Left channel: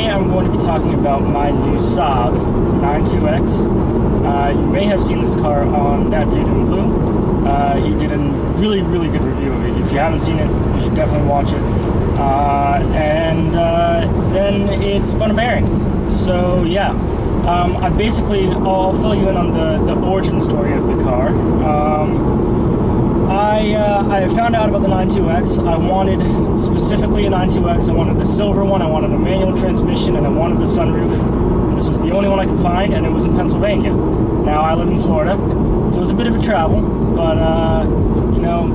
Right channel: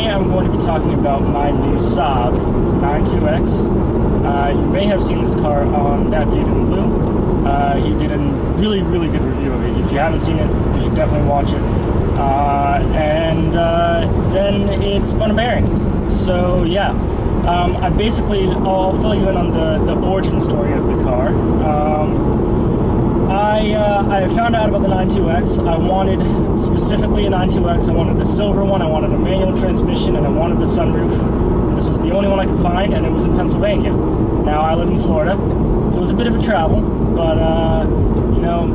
Today I'm going to be talking about my new Saab 92X. You may have seen this car on ThatDudeinBlue. He did a really good review of it. If you haven't seen it, you should definitely watch it. Then it spun a bearing. So yeah, I'll fill you in on the origin story of the car. I found out about the 92X. I wanted specifically a 92X. I wanted the silver one, I wanted a manual transmission, and I wanted the sunroof. And this was the only one I could find, and it was in Pennsylvania. Now I live in Florida, so it was a bit of a travel, but you know,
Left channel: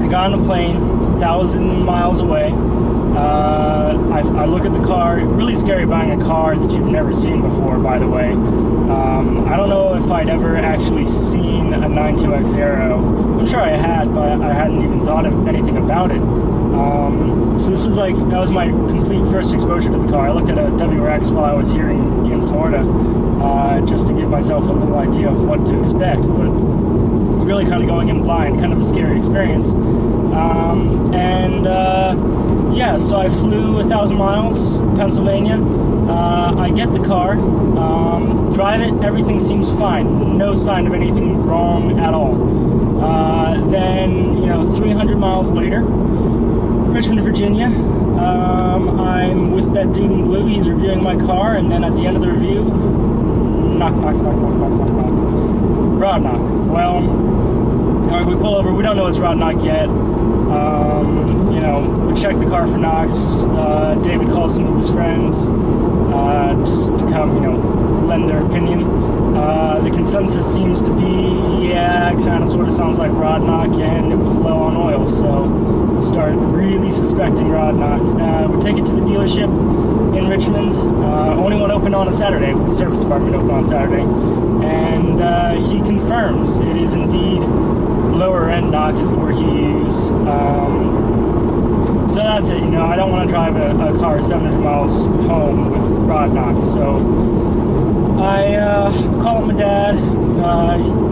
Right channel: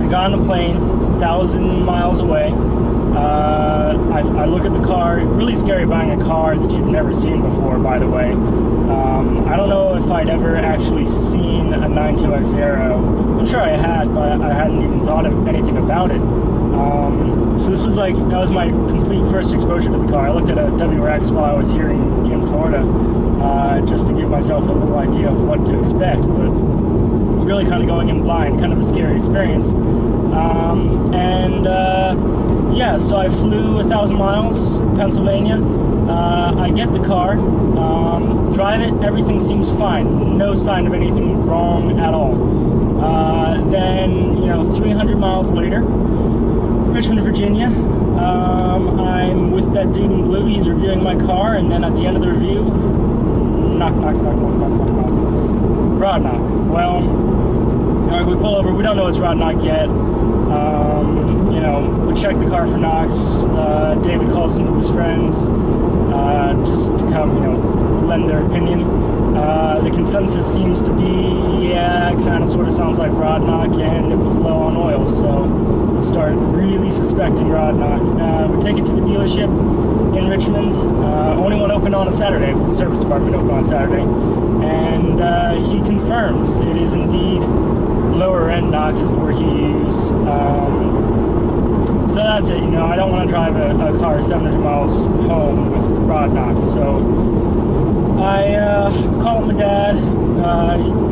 I got on a plane 1,000 miles away. I look at the car. Really scary buying a car that you've never seen before, by the way. I don't know if I'd ever actually seen a 92X Aero. I'm sure I had, but I hadn't even thought of anything about it. So this was that was my complete first exposure to the car. I looked at a WRX while I was here in Florida, just to give myself a little idea of what to expect, but really kind of going in blind, kind of a scary experience. Yeah, so I flew 1,000 miles, Pennsylvania. I get the car, drive it, everything seems fine. No sign of anything wrong at all. Then, 300 miles later, Richmond, Virginia, I'm with ThatDudeinBlue. He's reviewing my car, and then at the end of the review, knock, knock, knock, knock, knock, knock, knock. Rod knock. Well, all right, we pull over. We don't know it's rod knock yet. We check the car for knocks. David calls some of his friends just to come, lend their opinion. The consensus seems to be, yeah, it kind of sort of sounds like rod knock, and it was low on oil, so we started really suspecting rod knock. We take it to the dealership in Richmond. Only one open on a Saturday, with the service department open on Saturday, and he confirms it is indeed lower end knock is the word he used. So that's it. I don't want to drive a car 700 miles home with rod knock. So I call up my dad. He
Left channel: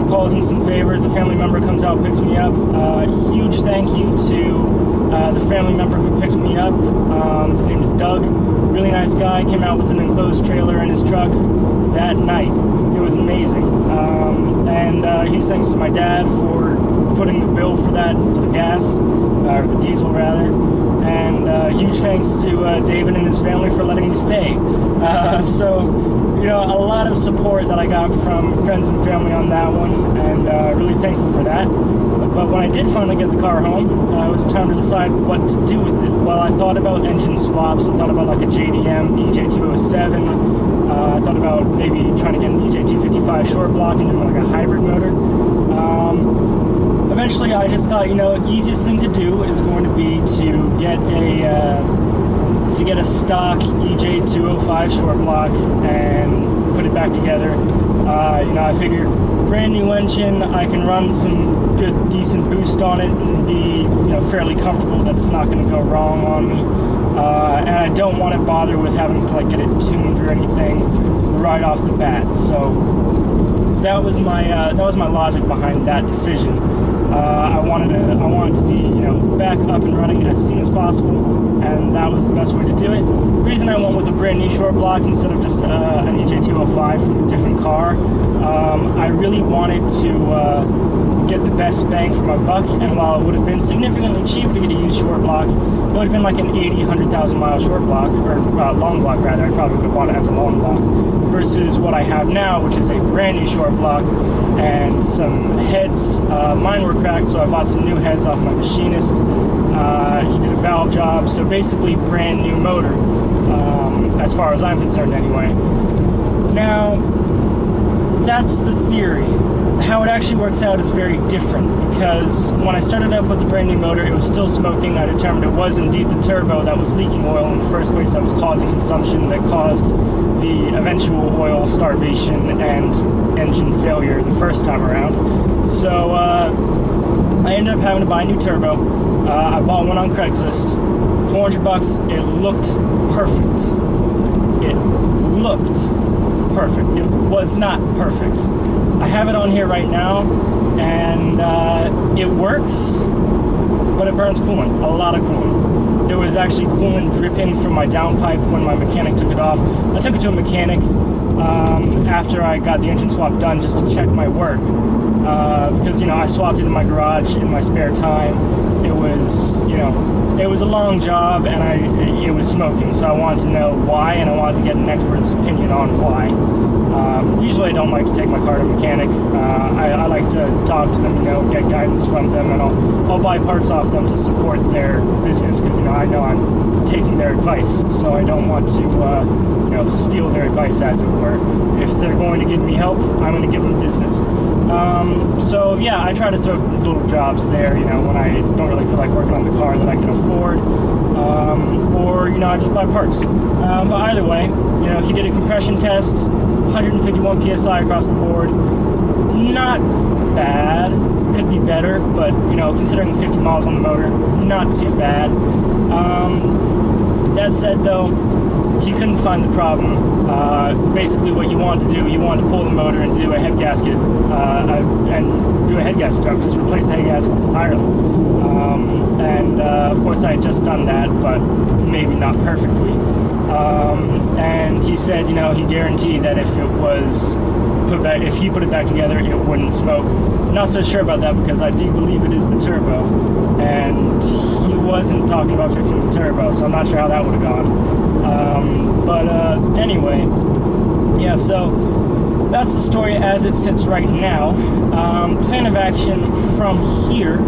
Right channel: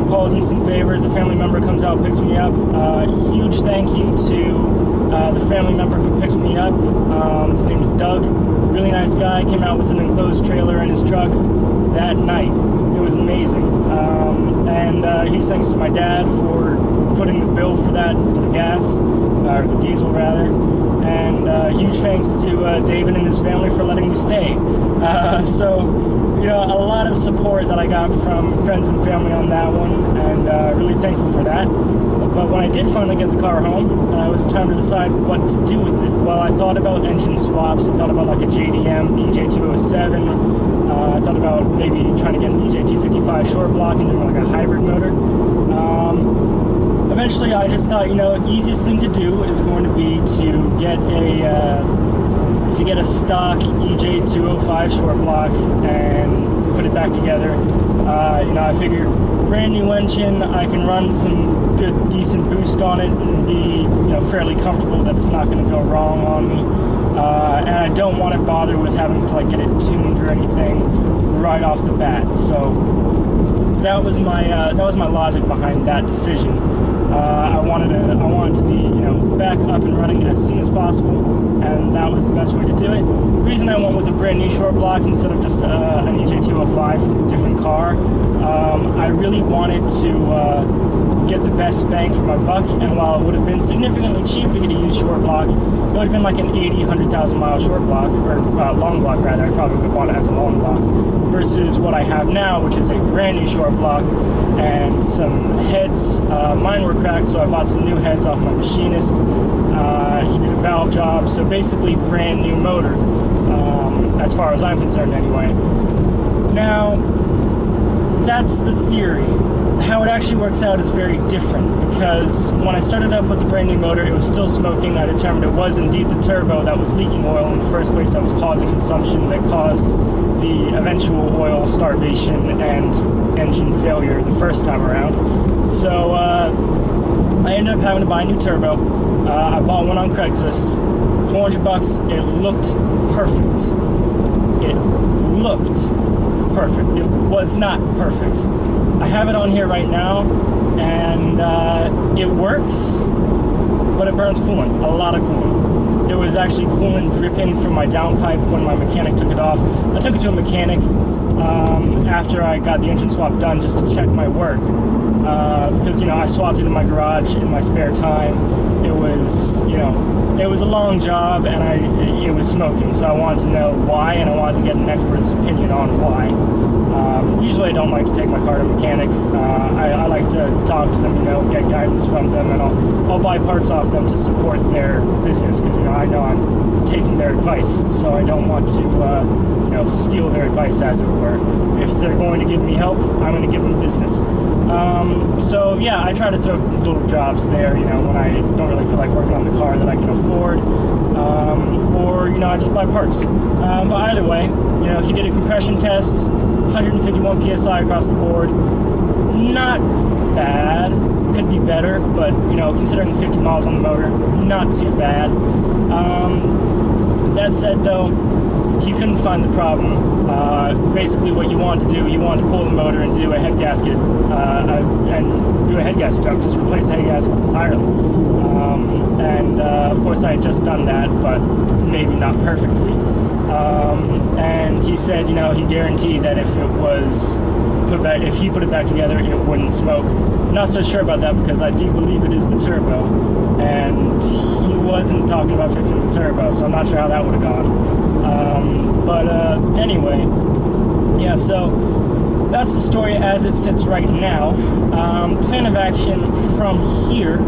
calls in some favors. A family member comes out, picks me up. Huge thank you to the family member who picked me up. His name is Doug. Really nice guy. Came out with an enclosed trailer in his truck that night. It was amazing. And huge thanks to my dad for footing the bill for that, for the gas, or the diesel rather. And huge thanks to David and his family for letting me stay. A lot of support that I got from friends and family on that one, and really thankful for that. But when I did finally get the car home, it was time to decide what to do with it. Well, I thought about engine swaps. I thought about like a JDM EJ207. I thought about maybe trying to get an EJ255 short block and doing like a hybrid motor. Eventually, I just thought, easiest thing to do is going to be to get a stock EJ205 short block and put it back together. I figured brand new engine, I can run some good, decent boost on it and be, fairly comfortable that it's not going to go wrong on me. And I don't want to bother with having to get it tuned or anything right off the bat. So that was my logic behind that decision. I wanted to be, back up and running as soon as possible, and that was the best way to do it. The reason I went with a brand new short block instead of just an EJ205 from a different car, I really wanted to get the best bang for my buck, and while it would have been significantly cheaper to get a used short block, it would have been like an 100,000 mile short block, or long block rather. I probably would have bought it as a long block, versus what I have now, which is a brand new short block, and some heads. Mine were cracked, so I bought some new heads off my machinist. He did a valve job, so basically brand new motor, as far as I'm concerned anyway. Now, that's the theory. How it actually works out is very different, because when I started up with the brand new motor, it was still smoking. I determined it was indeed the turbo that was leaking oil in the first place, that was causing consumption, that caused the eventual oil starvation and engine failure the first time around. So I ended up having to buy a new turbo. I bought one on Craigslist, $400. It looked perfect. It looked perfect. It was not perfect. I have it on here right now, and it works, but it burns coolant, a lot of coolant. there was actually coolant dripping from my downpipe when my mechanic took it off. I took it to a mechanic after I got the engine swap done just to check my work. Because, I swapped it in my garage in my spare time. It was, it was a long job, and it was smoking, so I wanted to know why, and I wanted to get an expert's opinion on why. Usually I don't like to take my car to a mechanic. I like to talk to them, get guidance from them, and I'll buy parts off them to support their business, because, I know I'm taking their advice, so I don't want to, steal their advice, as it were. If they're going to give me help, I'm going to give them business. So yeah, I try to throw little jobs there, when I don't really feel like working on the car that I can afford, or, I just buy parts. But either way, he did a compression test, 151 PSI across the board. Not bad, could be better, but, considering 50 miles on the motor, not too bad. That said, though, he couldn't find the problem. Basically what he wanted to do, he wanted to pull the motor and do a head gasket, and do a head gasket job, just replace the head gaskets entirely. Of course I had just done that, but maybe not perfectly. And he said, he guaranteed that if it was if he put it back together, it wouldn't smoke. I'm not so sure about that, because I do believe it is the turbo, and he wasn't talking about fixing the turbo, so I'm not sure how that would have gone. But anyway, yeah, so that's the story as it sits right now. Plan of action from here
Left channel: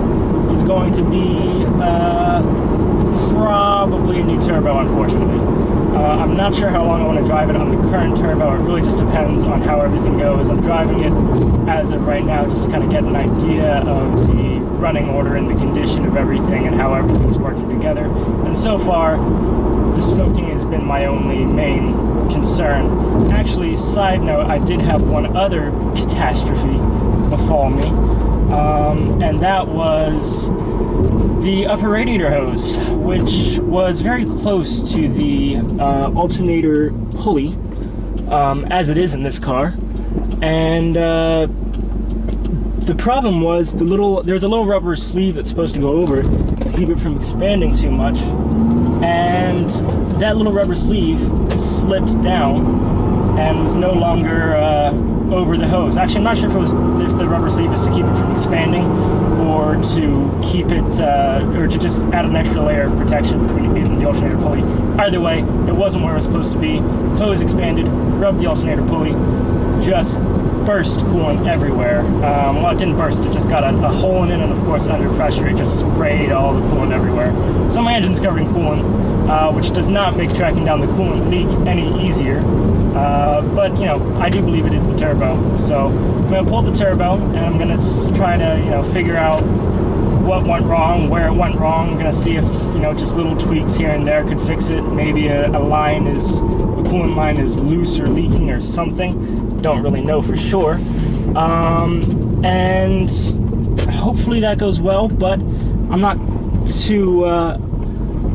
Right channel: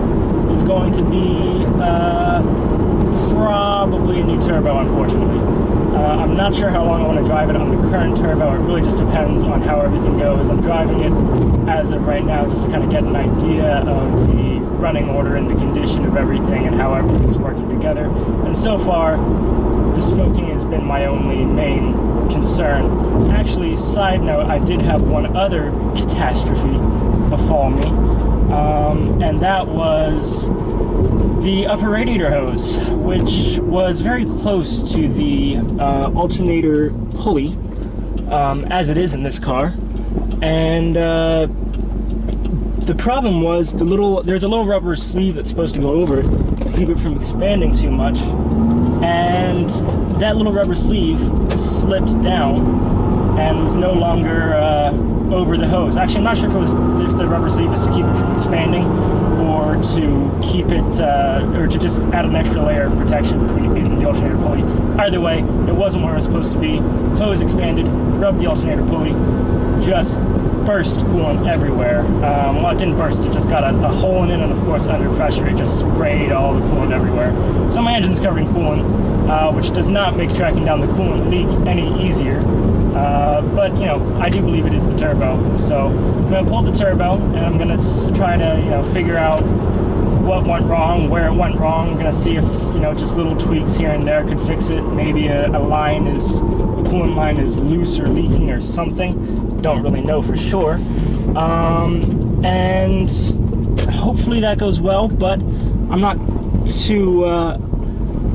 is going to be probably a new turbo, unfortunately. I'm not sure how long I want to drive it on the current turbo. It really just depends on how everything goes. I'm driving it as of right now just to kind of get an idea of the running order and the condition of everything and how everything's working together. And so far, the smoking has been my only main concern. Actually, side note, I did have one other catastrophe befall me, and that was the upper radiator hose, which was very close to the alternator pulley, as it is in this car. And the problem was there's a little rubber sleeve that's supposed to go over it to keep it from expanding too much, and that little rubber sleeve slipped down and was no longer over the hose. Actually, I'm not sure if the rubber sleeve is to keep it from expanding, or to keep it, or to just add an extra layer of protection between it and the alternator pulley. Either way, it wasn't where it was supposed to be. Hose expanded, rubbed the alternator pulley, just burst coolant everywhere. Well, it didn't burst, it just got a hole in it, and of course under pressure it just sprayed all the coolant everywhere. So my engine's covered in coolant, which does not make tracking down the coolant leak any easier. But, I do believe it is the turbo. So I'm going to pull the turbo, and I'm going to try to, figure out what went wrong, where it went wrong. I'm going to see if, just little tweaks here and there could fix it. Maybe a coolant line is loose or leaking or something. Don't really know for sure. And hopefully that goes well, but I'm not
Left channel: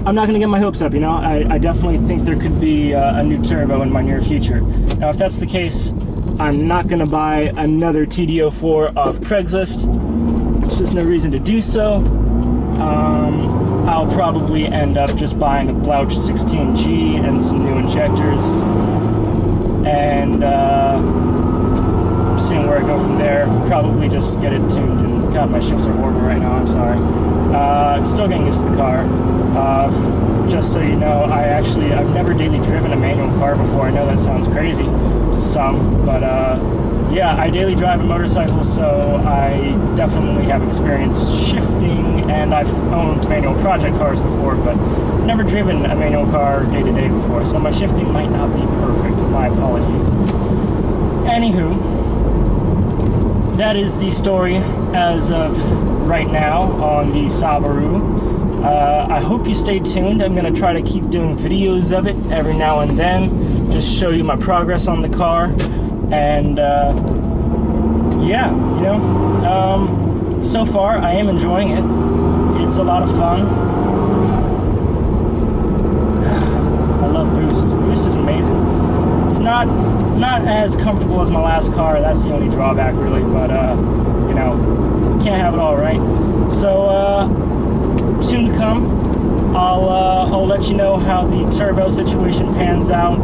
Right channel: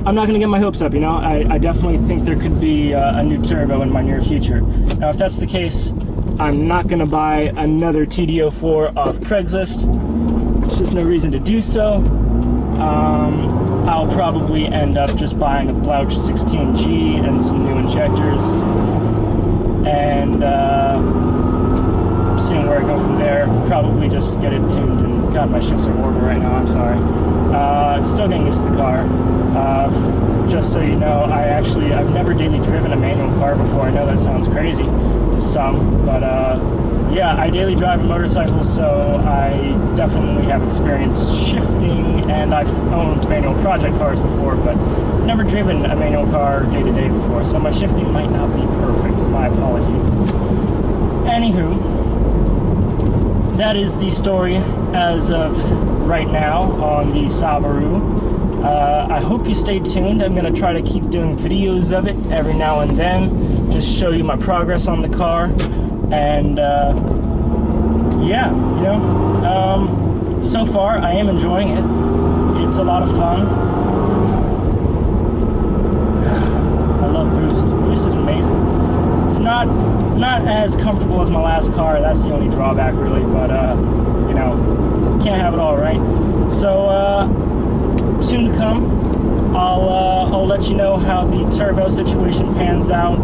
going to get my hopes up, I definitely think there could be a new turbo in my near future. Now, if that's the case, I'm not going to buy another TD04 off Craigslist. There's just no reason to do so. I'll probably end up just buying a Blouch 16G and some new injectors, and seeing where I go from there. Probably just get it tuned, and God, my shifts are horrible right now, I'm sorry. I'm still getting used to the car. Just so you know, I've never daily driven a manual car before. I know that sounds crazy to some, but yeah, I daily drive a motorcycle, so I definitely have experience shifting, and I've owned manual project cars before, but never driven a manual car day to day before, so my shifting might not be perfect. My apologies. Anywho, that is the story as of right now on the Saab. I hope you stay tuned. I'm going to try to keep doing videos of it every now and then, just show you my progress on the car, and yeah, so far I am enjoying it. It's a lot of fun. I love Boost. Boost is amazing. It's not as comfortable as my last car. That's the only drawback, really, but can't have it all, right? So soon to come. I'll let you know how the turbo situation pans out.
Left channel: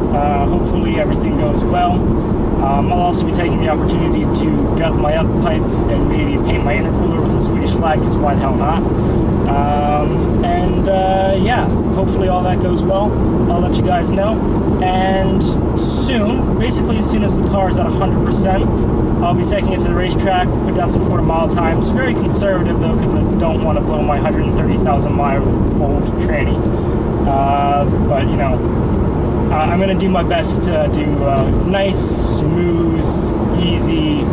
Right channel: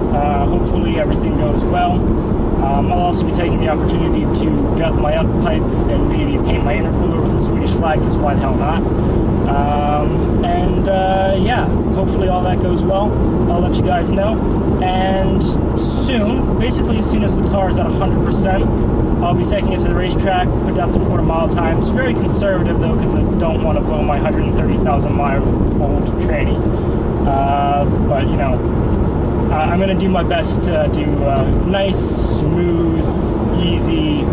Hopefully everything goes well. I'll also be taking the opportunity to gut my up pipe and maybe paint my intercooler with a Swedish flag, because why the hell not? Yeah, hopefully all that goes well. I'll let you guys know. And soon, basically as soon as the car is at 100%, I'll be taking it to the racetrack, put down some quarter-mile times. Very conservative though, because I don't want to blow my 130,000 mile old tranny. But you know, I'm going to do my best to do nice, smooth, easy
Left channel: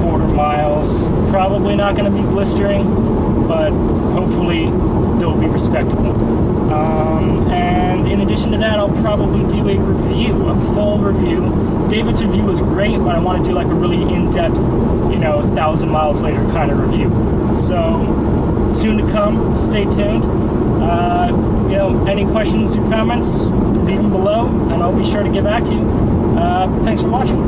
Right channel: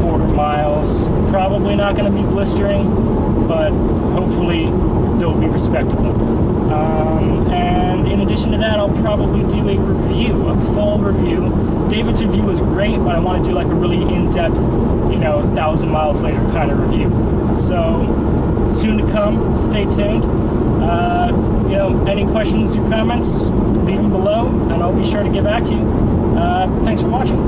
quarter miles. Probably not going to be blistering, but hopefully they'll be respectable. And in addition to that, I'll probably do a review, a full review. David's review was great, but I want to do like a really in-depth, you know, 1,000 miles later kind of review. So soon to come. Stay tuned. You know, any questions or comments, leave them below, and I'll be sure to get back to you. Thanks for watching.